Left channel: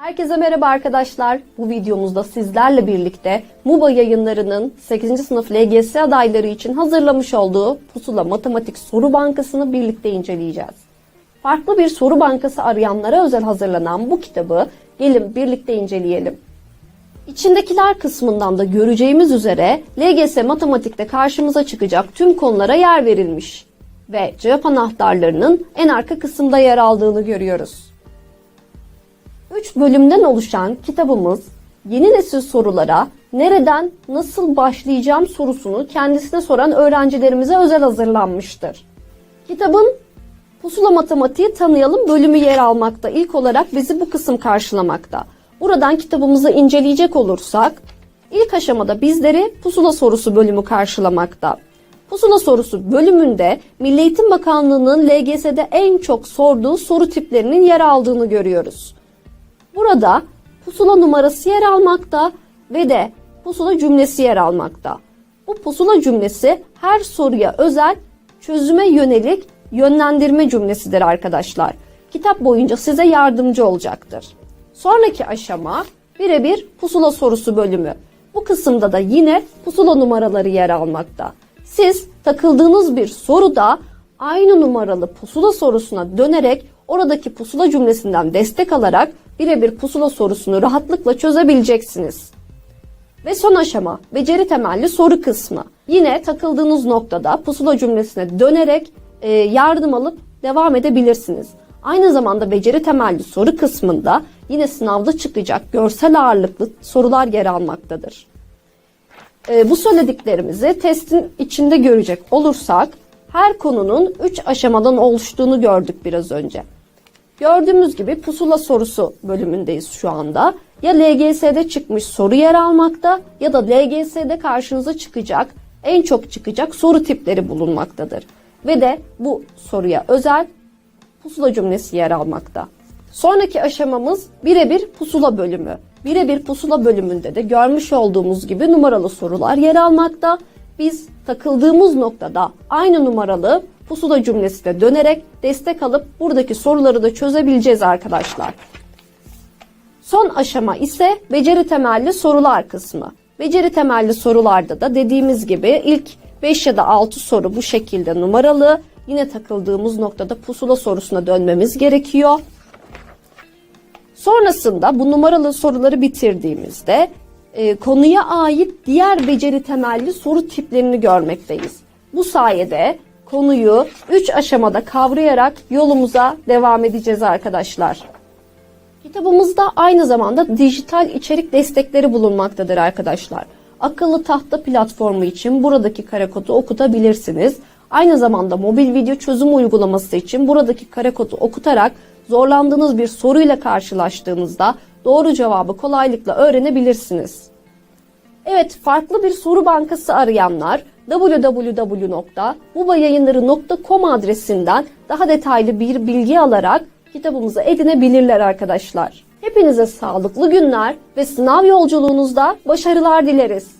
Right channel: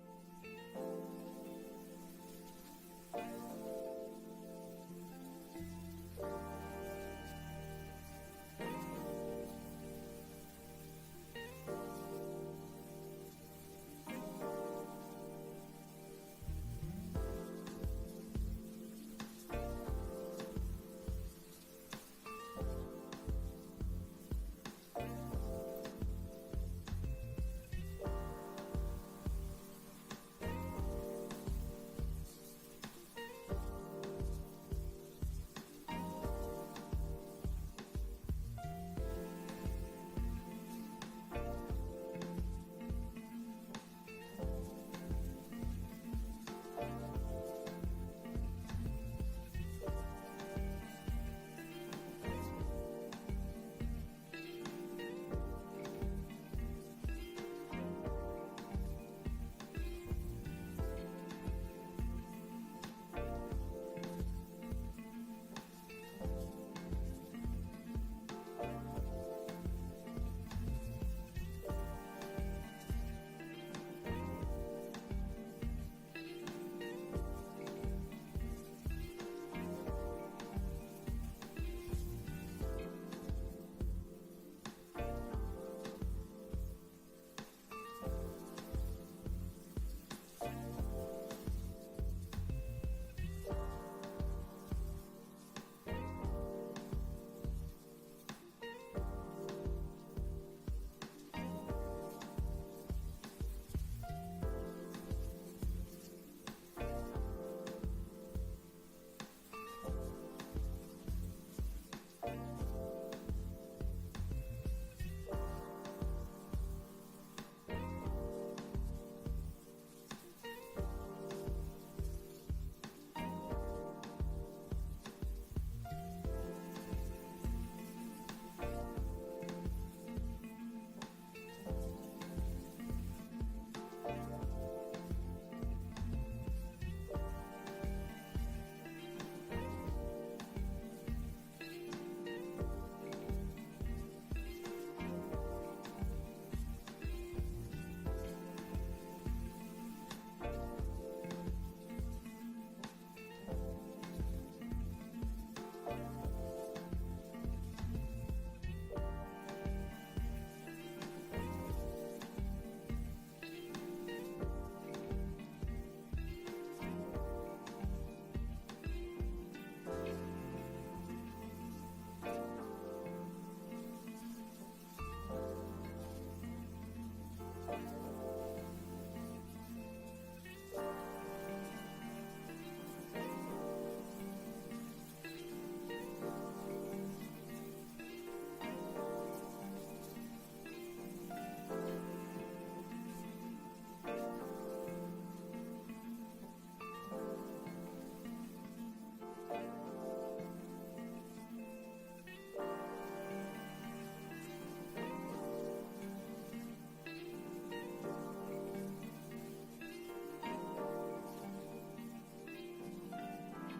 Herkese merhaba arkadaşlar. Bu videomuzda sizlerle birlikte MUBA yayınlarının 8. sınıf LGS adayları için hazırlamış olduğu Pusula Matematik Soru Bankası'nı birlikte inceleyeceğiz. Farklı bir soru bankası arayanlara özel hazırlanan bu kitabı gelin birlikte inceleyelim. İçindekiler kısmından da göreceğimiz üzere LGS matematikte karşımıza çıkacak tüm konulara yer verilmiş ve cevap anahtarlarının en arka kısımda yer aldığını görüyoruz. 3 bölümden oluşan kitabımız yeni nesil sorulara nereden nasıl başlayacağım sorusunu kendisine soran öğrencilerimize özel hazırlanmıştır. Kitabın Pusula Matematiği Tanıyalım bölümü yer almakta. İlk olarak bizi bu kısım karşılamakta. Buradan kitabımızı inceleyecek olursak ilk aşamada bizleri pusula sorusu bölümü karşılamakta. Pusula sorusu bölümünde Milli Eğitim Bakanlığı'nın LGS'de en çok sorduğu soru tiplerinin yer aldığını görüyoruz. Burada pusula numarası yer almakta ve de pusula cümlesi yer almakta. Bu pusula cümlesi her soruya özel çözüme yönelik yönlendirme cümlesidir arkadaşlar. Kitap boyunca size yardımcı olacaktır. Sonraki aşama birebir pusula sorusu bölümü. Bu kısımda da yine pusula numaraları yer almakta. Siz takıldığınız bir soruda aynı numaralı pusula sorusuna dönerek oradaki pusula cümlesinden destek alarak birebir pusula sorusunu rahatlıkla çözebileceksiniz. Ve son aşama beceri temelli soru kısmı. Yine takıldığınız noktada pusula cümlesine dönerek e, yardım alıp devam edebilirsiniz. Aynı zamanda beceri temelli soru kısmında yine sınavda çıkacak görsel ağırlıklı sorular yer almaktadır. E, bu söylediklerimizi testin içinde görecek olursak her konunun 3 aşamadan oluştuğunu gördük biraz önce. Gördüğümüz gibi pusula sorusu bölümündeyiz şu anda. Ya LGS'de çıkmış soru yer almakta ya da LGS'de karşınıza çıkacak, en çok çıkacak soru tipleri bulunmaktadır. Ve de bu soruya özel pusula cümlesi yer almakta. Sonraki aşamamız birebir pusula bölümü. Birebir pusula bölümünde de görmüş olduğumuz gibi numaralı sorular yer almakta. Biz takıldığımız noktada aynı numaralı pusula cümlesine dönerek destek alıp buradaki soruları da çözebileceğiz arkadaşlar. Son aşama ise beceri temelli sorular kısmı. Beceri temelli sorularda da dediğimiz gibi ilk 5 ya da 6 soru bu şekilde numaralı. Yine takıldığımız noktada pusula sorusuna dönmemiz gerekiyor. Sonrasında bu numaralı soruları bitirdiğimizde e, konuya ait diğer beceri temelli soru tiplerini görmekteyiz. Bu sayede konuyu 3 aşamada kavrayarak yolumuza devam edeceğiz arkadaşlar. Kitabımızda aynı zamanda dijital içerik destekleri bulunmaktadır arkadaşlar. Akıllı tahta platformu için buradaki kare kodu okutabilirsiniz. Aynı zamanda mobil video çözüm uygulaması için buradaki kare kodu okutarak zorlandığınız bir soruyla karşılaştığınızda doğru cevabı kolaylıkla öğrenebilirsiniz. Evet, farklı bir soru bankası arayanlar www.bubayayınları.com adresinden daha detaylı bir bilgi alarak kitabımızı edinebilirler arkadaşlar. Hepinize sağlıklı günler ve sınav yolculuğunuzda başarılar dileriz.